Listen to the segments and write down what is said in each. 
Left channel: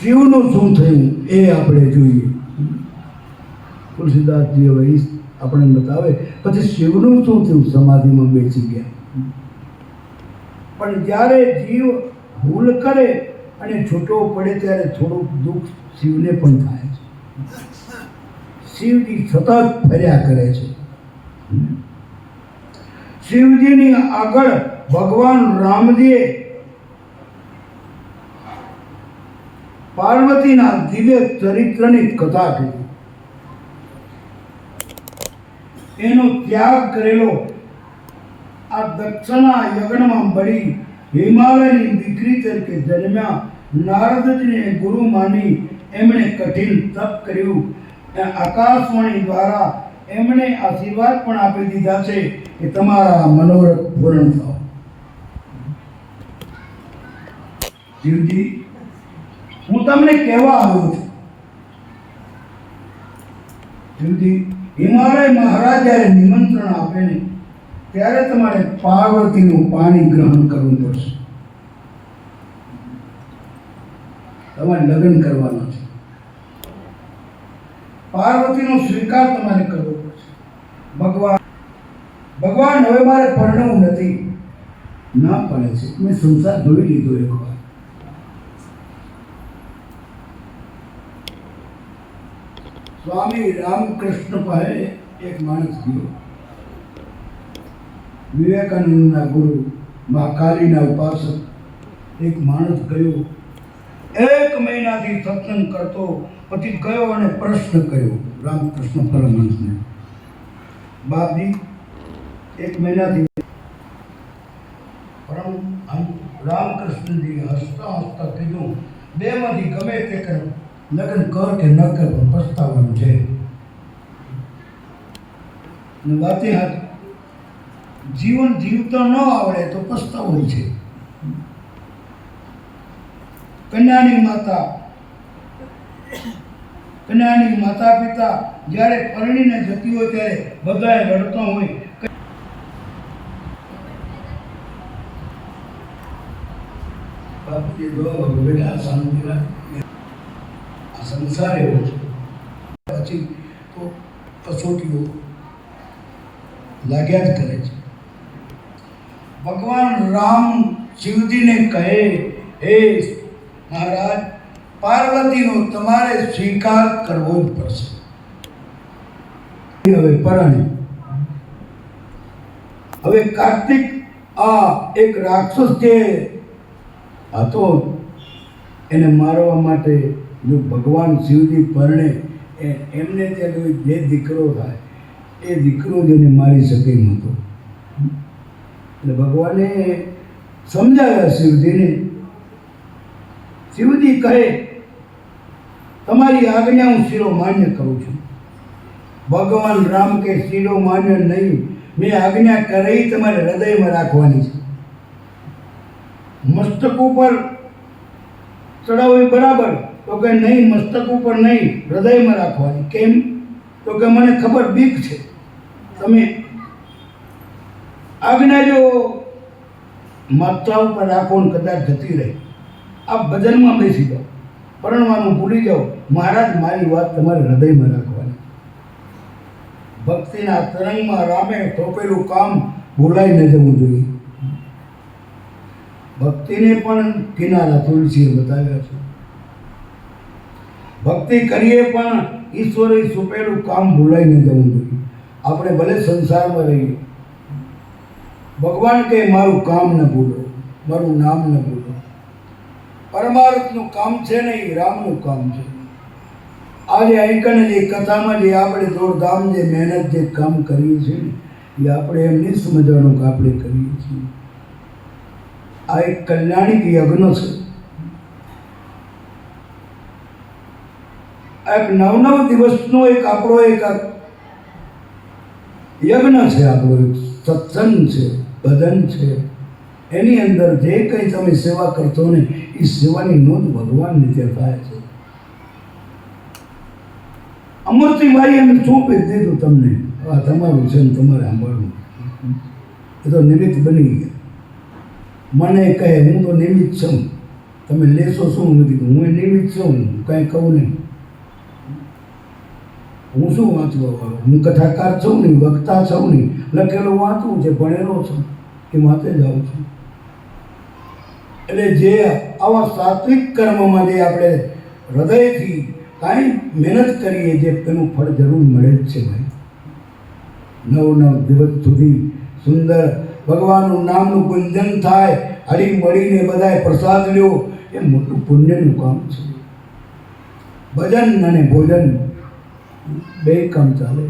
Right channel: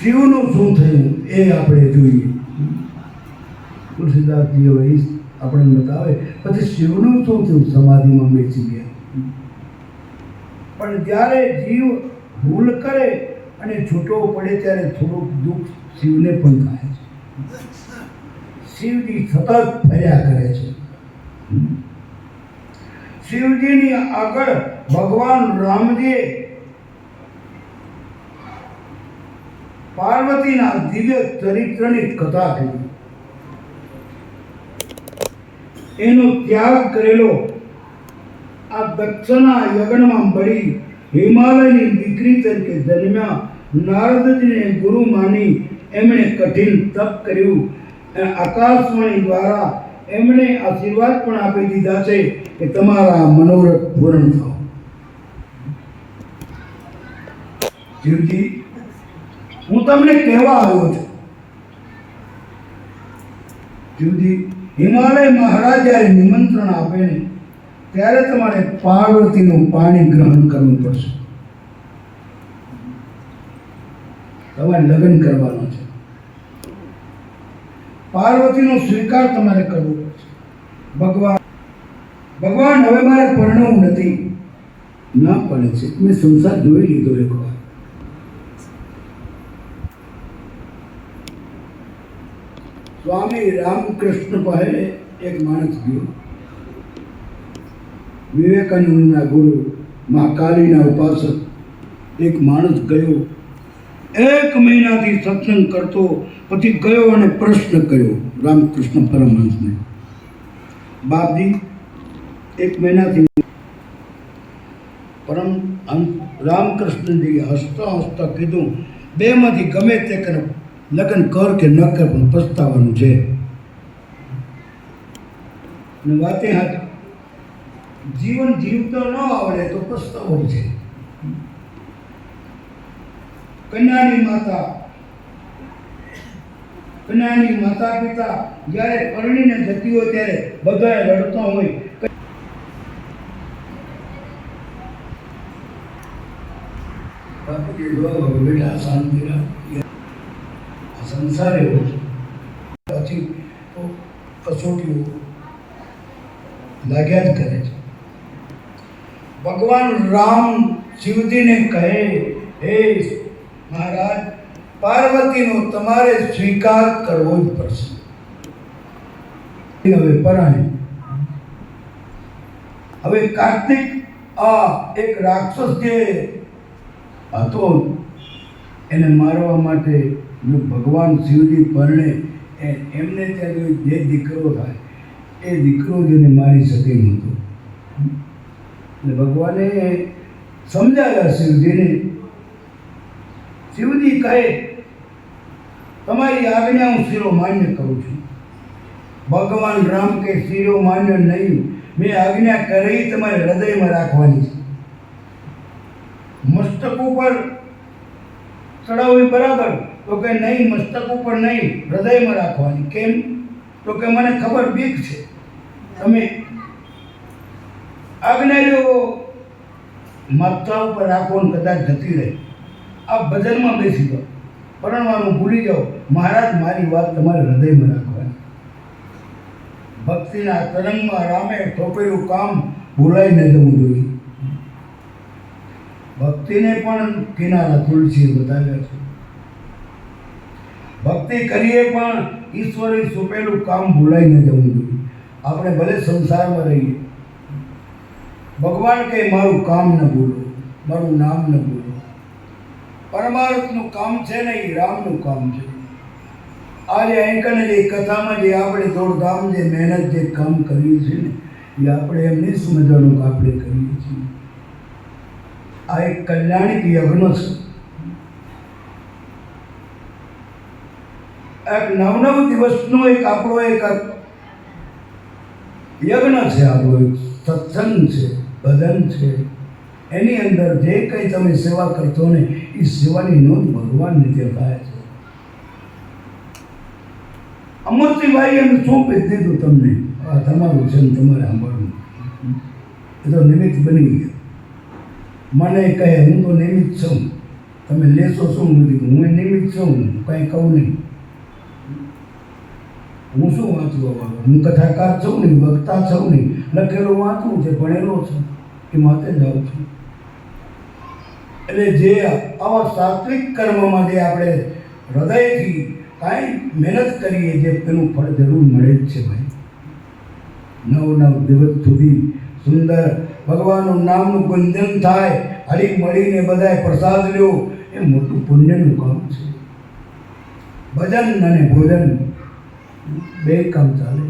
શિવનું શું થયું એ આપણે જોઈએ. તુલસીદાસજી હવે ઈ આપણને બતાવે. પછી શિવનું શું થયું? સમાધિમાં બેસી ગયા. પણ જ્યારે જીવ ભૂલ કરે અને છૂટો પડે ત્યારે થોડુંક દુઃખ શિવને પણ થાય છે. શિવજી સતત ફર્યા કરે છે. શિવજીની આગળ ભગવાન રામજીએ પાર્વતીના દિવ્ય ચરિત્રની કથા છે એનો ત્યાગ કરેલો આ દક્ષના યજ્ઞમાં બળી હિમાલયની દીકરી તરીકે જન્મ્યા નારદજીને ગુરુ માની એમણે કઠિન તપ કર્યું આકાશવાણી દ્વારા એમણે આશીર્વાદ પણ આપી દીધા છે કે તમારા મનોરથ પૂર્ણ થાવ શિવજી હું તમને કહેવા આવ્યો છું. જુદી, હિમાલય મહારાજ જ્યારે નિમંત્રણ આપે ને, ત્યારે તમારે પાર્વતીનું પાણી ગ્રહણ કરવું પડશે. તમારે લગ્ન કરવાના છે. પાર્વતીનો સ્વીકાર તમારે કરવો પડશે. ભગવાન ભગવાન હવે મારે પરણવું નથી. ના પડે છે. મેં સંસાર જોઈ લીધો એક વાર. સ્વામી રામકૃષ્ણ પાસે એક માણસ ગયો. વિવેકાનંદના ગુરુ, મા કાલીના ઉપાસક, એક માણસ ગયો. એક મહિનાથી સત્સંગ કરતો, પછી ગયો અને પ્રશ્ન કર્યો રામકૃષ્ણ પરમહંસને. બાપજી, એક મહિનાથી પરમ રામકૃષ્ણજી હસતા હસતા કીધું, બેમાંથી ગમે તે કર. લગ્ન કર કે ન કર પણ પસ્તાવાનું છે. અને વાતે જીવન જીવતા ન આવડે તો પસ્તાવો છે. કન્યાની માતા કન્યાની માતા પિતા જ્યારે પરણીને જતી હોય ત્યારે બધાએ રડતા હોય. બેટા શાંતિ રાખ. સંસાર એવો છે. પછી તો કસોટીઓ લાગ્યા જ કરે છે. ભગવાન રામ શિવજીને કહે, હે મહારાજ, પાર્વતીનો તમારે સ્વીકાર કરવો જ પડશે. હવે પરણે, હવે કાર્તિક આ એક રાક્ષસ જે હતો, એને મારવા માટે જો ભગવાન શિવજી પરણે એ- એમને ત્યાં જે દીકરો થાય, એ દીકરો જ એને મારી શકે નહોતો એટલે ભગવાને સમજાવ્યા શિવજીને, શિવજી કહે, તમારી આજ્ઞા હું શિરો માન્ય કરું છું. ભગવાન રામ કે શિરો માન્ય નહીં, મેં આજ્ઞા કરી તમારે હૃદયમાં રાખવાની છે. મસ્તક ઉપર ચડાવવી બરાબર. તો કે નહીં, મસ્તક ઉપર નહીં, હૃદયમાં રાખવાની. કેમ? તો કે મને ખબર બીક છે. તમે આજ્ઞા જો ઉપર રાખો ને કદાચ જતી રહે. આ ભજનમાં બેસી જાઓ. પરણવાનું ભૂલી જાઓ. મહારાજ, મારી વાત તમારે હૃદયમાં રાખવાની. ભક્તિના તરંગમાં રામે થોપેલું કામ ભૂલાઈ ન જવું જોઈએ. ભક્તિને પણ કિનારા તુલસીએ બતાવ્યા છે. ભક્તિ કરીએ પણ ઈશ્વરે સોંપેલું કામ ભૂલાઈ ન જવું જોઈએ. આપણે ભલે સંસારમાં રહીએ. ભગવાન કે મારું કામ ન ભૂલો, મારું નામ ન ભૂલો. પરમાર્થનું કામ છે ને એ રામનું કામ છે. આજે અહીં કને જે કથામાં જે આપણે દોડધામ જે મહેનત જે કામ કર્યું છે ને, એ આપણે એમ નહીં સમજવાનું કે આપણે કરીએ છીએ. આ એક કલ્યાણિક યજ્ઞ છે. એક નવ નવ દિવસનો એક આપણો એક યજ્ઞ છે, આપણો એક સત્સંગ છે, ભજન છે. એની અંદર જે કંઈ તમે સેવા કરતો ને, એ સેવાની નોંધ ભગવાનને તે થાય છે. અમૃતિભાઈ એમ સોંપી દીધું તમને. આ તમારું છે ને તમારે સાંભળવું. એ તો નિમિત્ત બની ગયા. મને કહે, હું તો નિમિત્ત છું. તમે લેશો શું? નથી હું એ નિમિત્ત છું. કાંઈ કહું નહીં. હું શું વાંચું વાળો હું કથાકાર છું નહીં, વક્તા છું નહીં. લખેલું વાંચવું છે, ભણેલો છું, એ વાંચે જાઉં છું. એટલે જે આવા સાત્વિક કર્મમાં જે આપણે હૃદયથી કાંઈ મહેનત કરીએ, જે તેનું ફળ જરૂર મળે જ છે ભાઈ. નવ નવ દિવસ સુધી સુંદર ભગવાનનું નામનું ગુંજન થાય, હળી મળીને બધાએ પ્રસાદ લ્યો, એ મોટું પુણ્યનું કામ છે. ભજન અને ભોજન બે કામ ચાલે.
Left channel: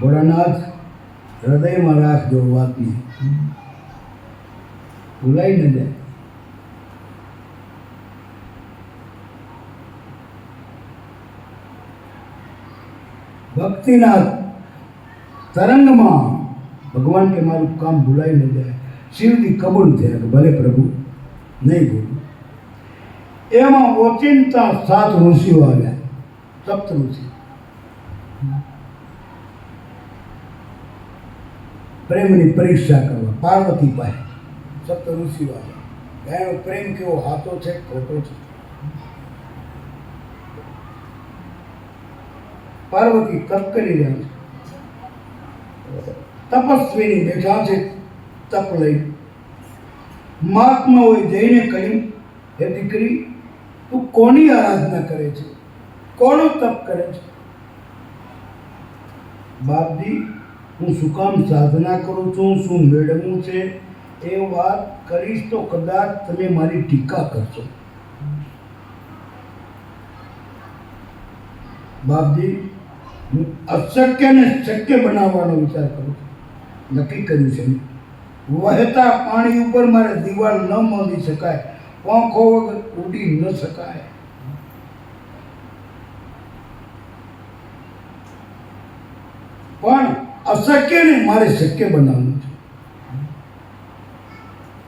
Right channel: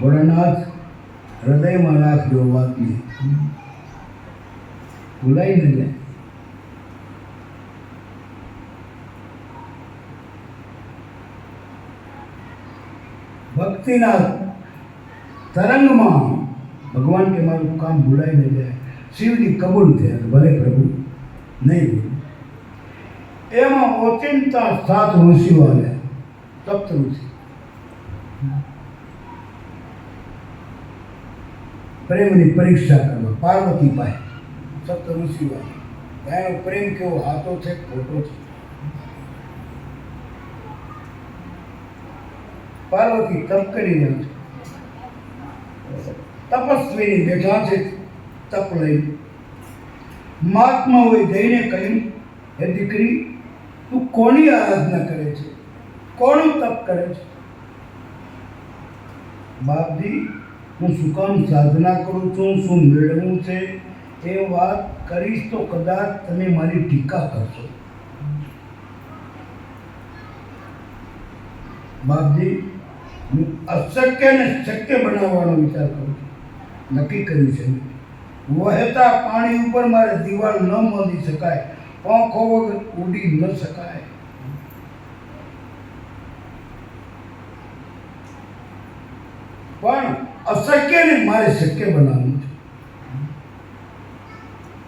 ભોળાનાથ, હૃદયમાં રાખજો વાતને ભૂલાઈ ન જાય. ભક્તિના તરંગમાં ભગવાન કે મારું કામ ભૂલાઈ ન જાય. શિવની કબૂલ થયા ભલે પ્રભુ, નહીં ભૂલું. એમાં ઓચિંતા સાત ઋષિઓ આવ્યા સપ્ત ઋષિ પ્રેમની પરીક્ષા કરવા, પાર્વતી પાસે સપ્ત ઋષિઓ આવ્યા એનો પ્રેમ કેવો હાથો છે, ખોટો છે? પાર્વતી તપ કરી રહ્યા છે. તપસ્વીની બેઠા છે, તપ લઈ. મહાત્માઓએ જઈને કહ્યું, હે દીકરી તું કોની આરાધના કરે છે? કોનું તપ કરે છે? બાપજી, હું શું કામ સાધના કરું છું? શું મેળવું છે? એ વાત કરીશ તો કદાચ તમે મારી ટીકા કરશો. બાપજી, હું અશક્યને શક્ય બનાવવાનો વિચાર કરું છું. નક્કી કર્યું છે. વહેતા પાણી ઉપર મારે દિવાલ ન મળી શકાય. પાંખો ઉડી ન શકાય. પણ અશક્યને મારે શક્ય બનાવવું છે.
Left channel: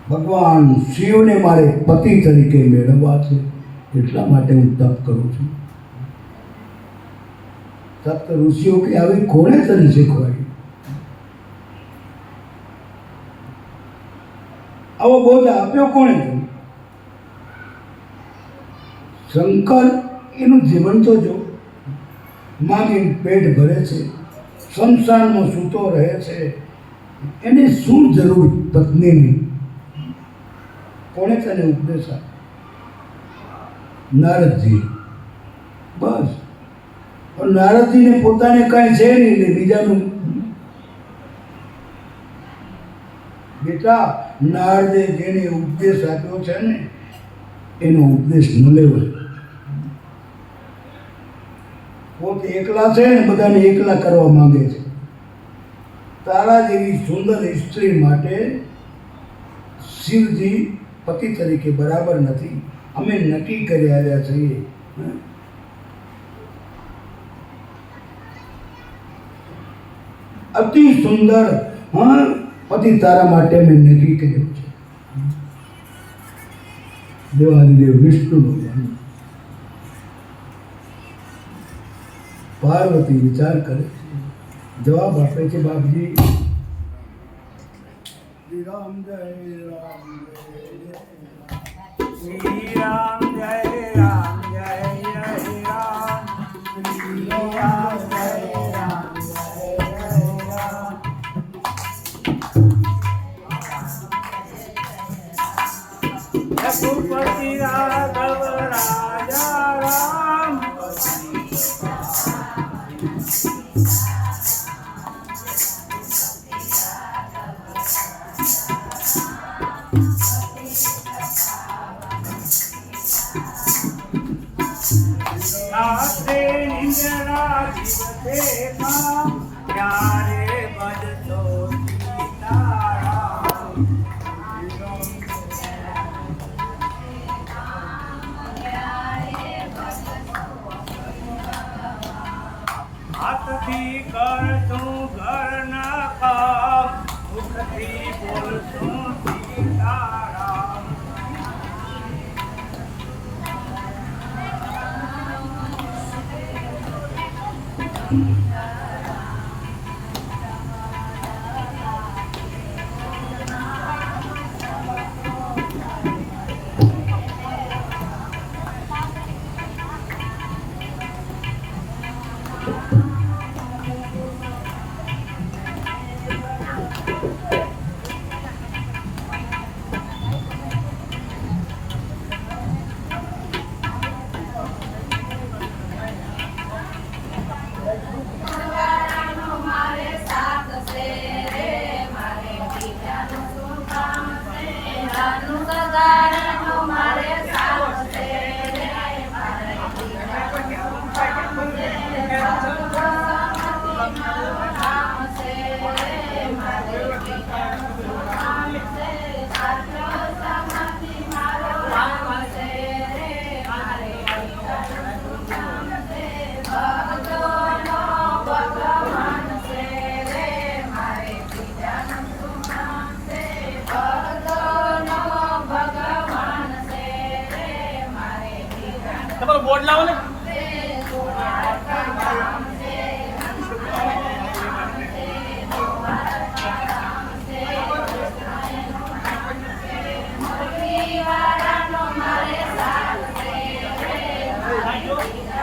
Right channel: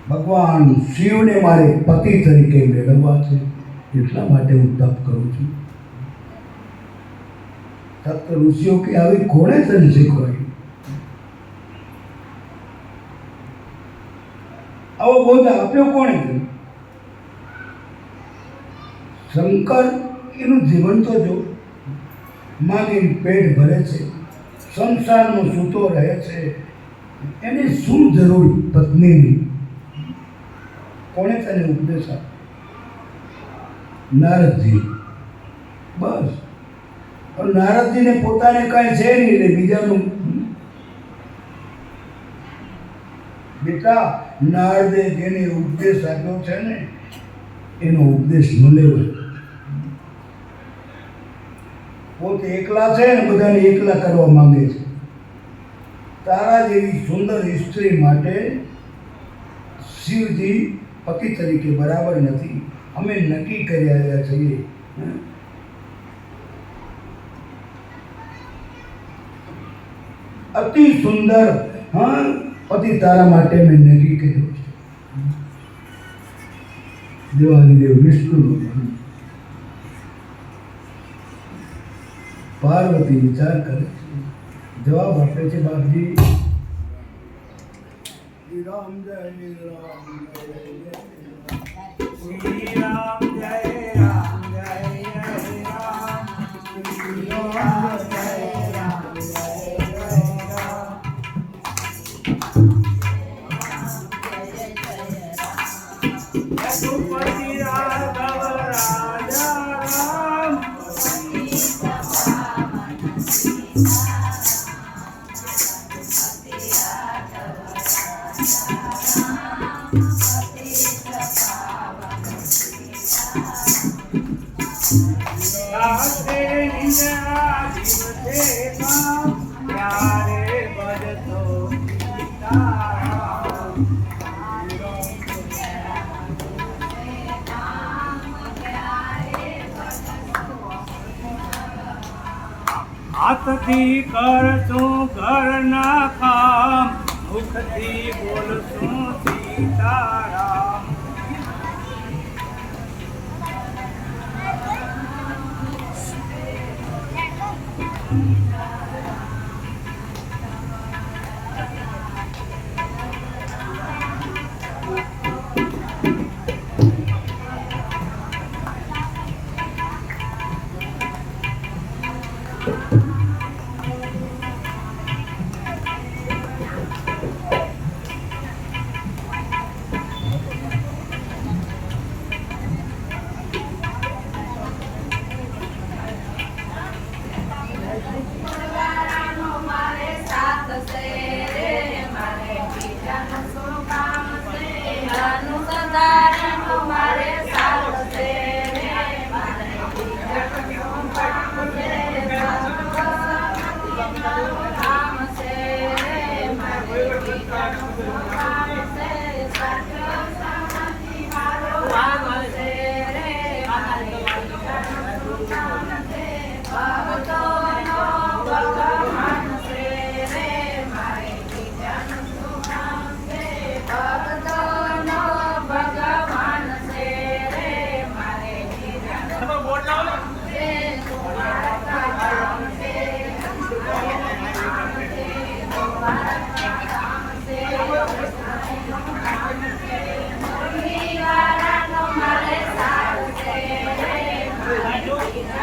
ભગવાન શિવને મારે પતિ તરીકે મેળવવા છે. એટલા માટે હું તપ કરું છું. સપ્ત ઋષિઓ કે આવી કોણે તને શીખવાડ્યું? આવો બોધ આપ્યો કોણે તને? શંકર એનું જીવન તો જો. માગીને પેટ ભરે છે સંસારમાં સૂતો રહે છે. એને શું જરૂર પત્નીની? કોણે તને ઉપદેશ? આપ્યો નારદજી. બસ. પણ નારદજીને પોતાને કાંઈ છે નહીં એટલે બીજાનું. બેટા, નારદે જેને ઉપદેશ આપ્યો છે ને, એનો ઉપદેશ ન લેવાય. પોતે એકલા છે ને બધાને એકલા કરવા માંગે છે. તારા જેવી સુંદર સ્ત્રી માટે શિવજી પતિ તરીકે બરાબર નથી. અમે નક્કી કરી આવ્યા છીએ? અતિ સુંદર, હા? પતિ તારા માટે મેં નક્કી કર્યું છે. દેવાદિદેવ, વિષ્ણુ ભગવાન. પાર્વતી વિચાર કરે જવાબ આપે છે બાપજી. શ્રી રામ જય રામ જય જય શ્રી રામ જય રામ જય જય રામ. શ્રી રામ જય રામ. Thanks. હાથથી કરતું ઘરના કામ મુખથી બોલતું સીતારામ.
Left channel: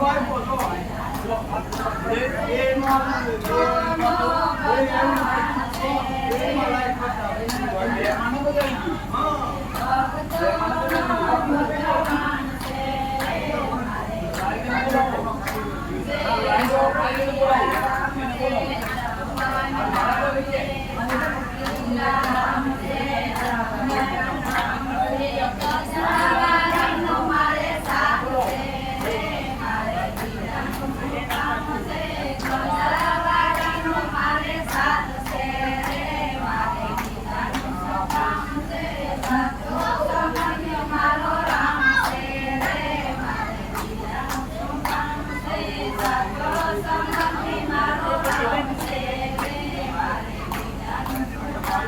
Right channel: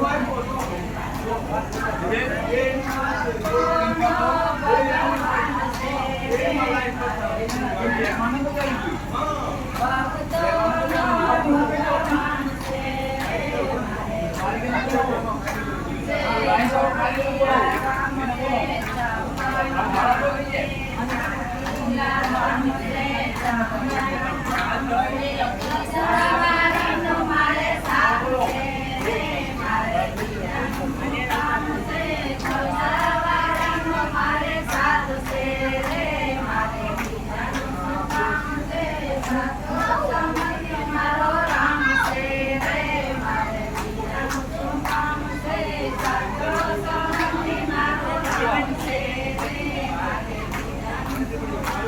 Yeah.